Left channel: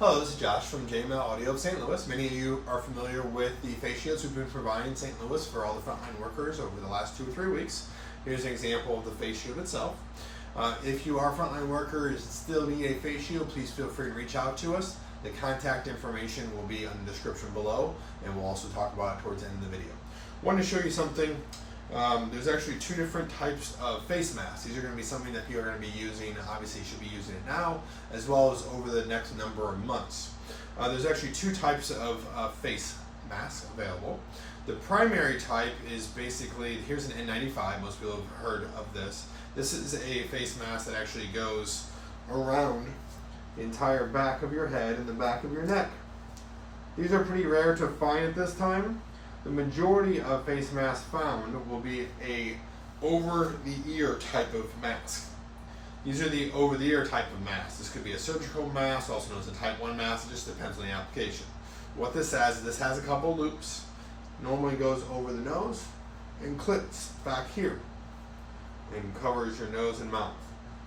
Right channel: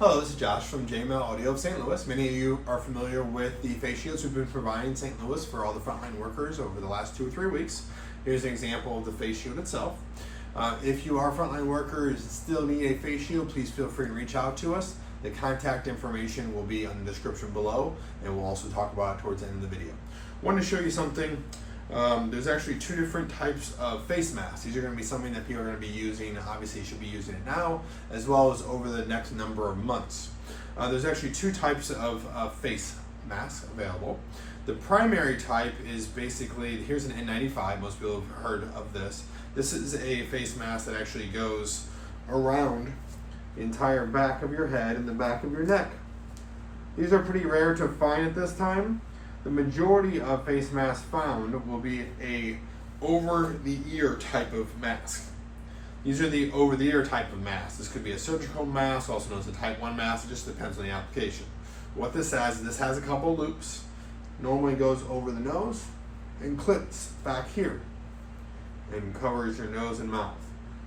Hello, this is Josh from JML Audio of St. Louis. Many of you are familiar with the face shields we've been providing in St. Louis for all the frontline workers over the last 2 or 3 weeks. Here's an example of the face shield itself. If you are a frontline worker and still need a face shield, please feel free to reach out to us. The contact information will be in the description below, and we'll also talk about it towards the end of the video. I wanted to show you something. There's actually 2 different types of face masks. These are going to be something that people are going to be using. Obviously, you should be using it now, as well as over the next number of months. There's actually 2 types of face masks available. The primary type is basically, here's an N95. Most people have heard of this. This is a face mask that actually goes around the entire back of your head and the back of your neck. These are pretty rare to find at this time. The majority of face masks found will be a over-the-ear type of mask. These are the over-the-ear type of masks. This could be a surgical mask, also known as a type 1 mask. It just depends on the application. What this has is this has a couple loops. Normally goes over the nose and clips back here and covers your nose and mouth.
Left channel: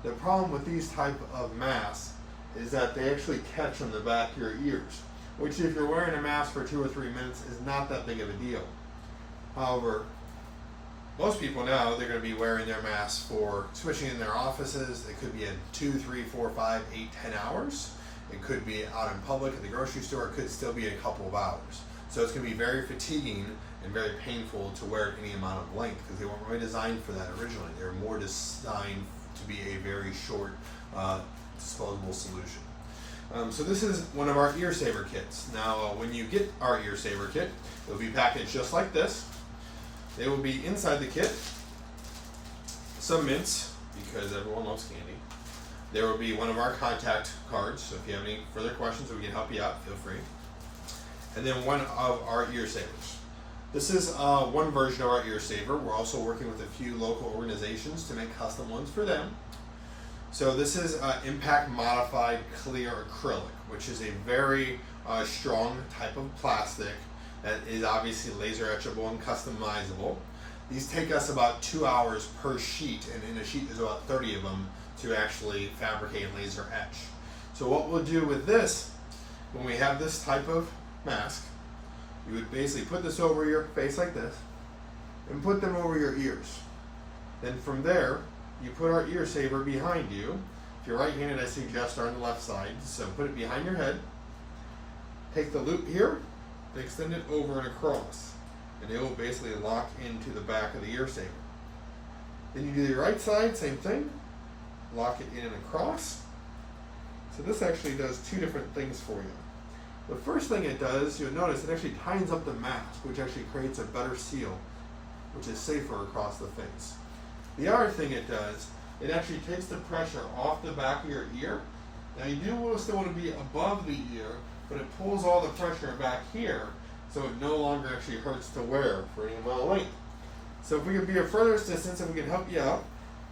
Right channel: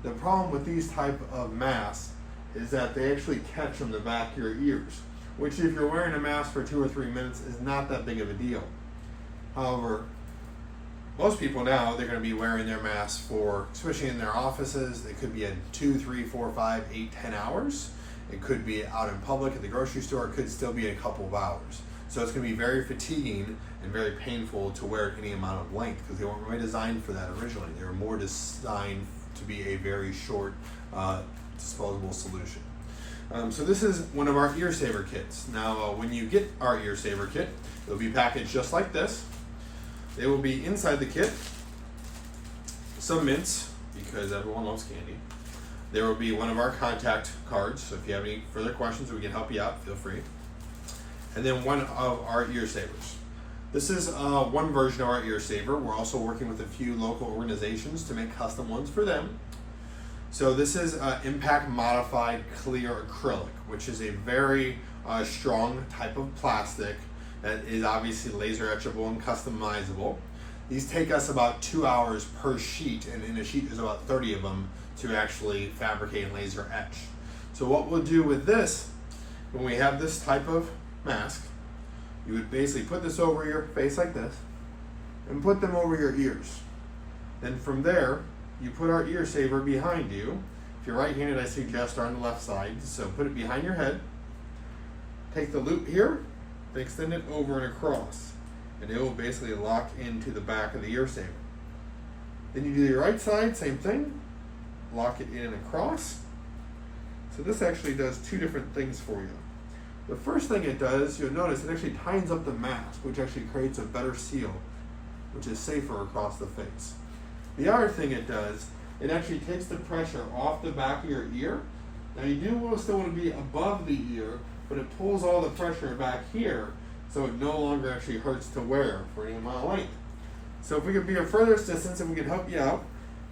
The problem with these type of masks is that they actually catch on the back of your ears, which if you're wearing a mask for 2 or 3 minutes is not that big of a deal. However, most people now, they're going to be wearing their masks for, especially in their offices, it could be at 2, 3, 4, 5, 8, 10 hours. It could be out in public at the grocery store. It could still be a couple of hours. So it's going to be very fatiguing and very painful to wear at any amount of length because they weren't really designed for that originally. They were more designed to be a very short disposable solution. So this is one of our ear saver kits. Now when you get our ear saver kit, it'll be packaged just like this. They will be inside the kit some mints, because everyone loves candy. There will be one of our contact cards, so if you have any further questions or we can help you out, feel free. And then one of our ear savers. This is one version of our ear saver. We're also working with a few local organizations to make custom ones for them. So this is impact modified clear acrylic, which is a very strong type of plastic that is obviously laser etchable and customizable. These take us about 2 hours per sheet, and in a sheet there's about 30 of them to actually fabricate and laser etch. So what we'll do with this, when we have this type of mask, you would basically put this over your face like this and put them over your ears. Then from there, you put our ear saver behind you. If you're right-handed, I suggest on the left side. So put it behind your head. Take the loop here and extend it over and across. And it will basically lock into the back of the ear saver. Then you do your right side, same thing. Lock it in and across. So this actually does 2 different things for you. The first thing it does, you'll notice it actually tightens up the mask, which actually creates a better seal, which is safer across the face. The other thing it does, it actually takes the pressure off the back of your ear. Now you do still want to be above the ear, but it pulls all the pressure back here, so it no longer actually hurts to wear for any amount of length. So if we could be of further assistance and we can help you out,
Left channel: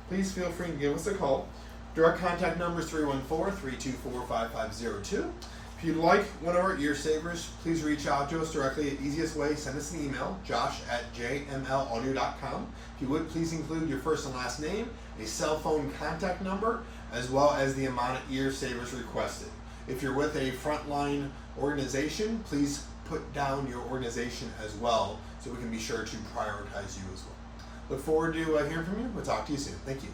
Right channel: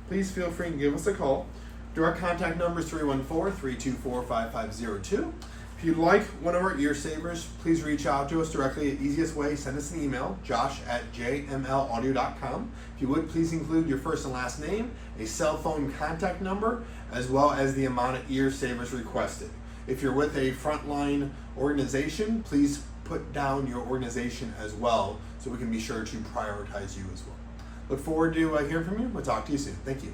please feel free and give us a call. Direct contact number is 314-324-5502. If you'd like one of our ear savers, please reach out to us directly. The easiest way, send us an email, josh@jmlaudio.com. If you would, please include your first and last name, a cell phone contact number, as well as the amount of ear savers requested. If you're with a frontline organization, please put down your organization as well so we can be sure to prioritize you as well. Look forward to hearing from you. We'll talk to you soon. Thank you.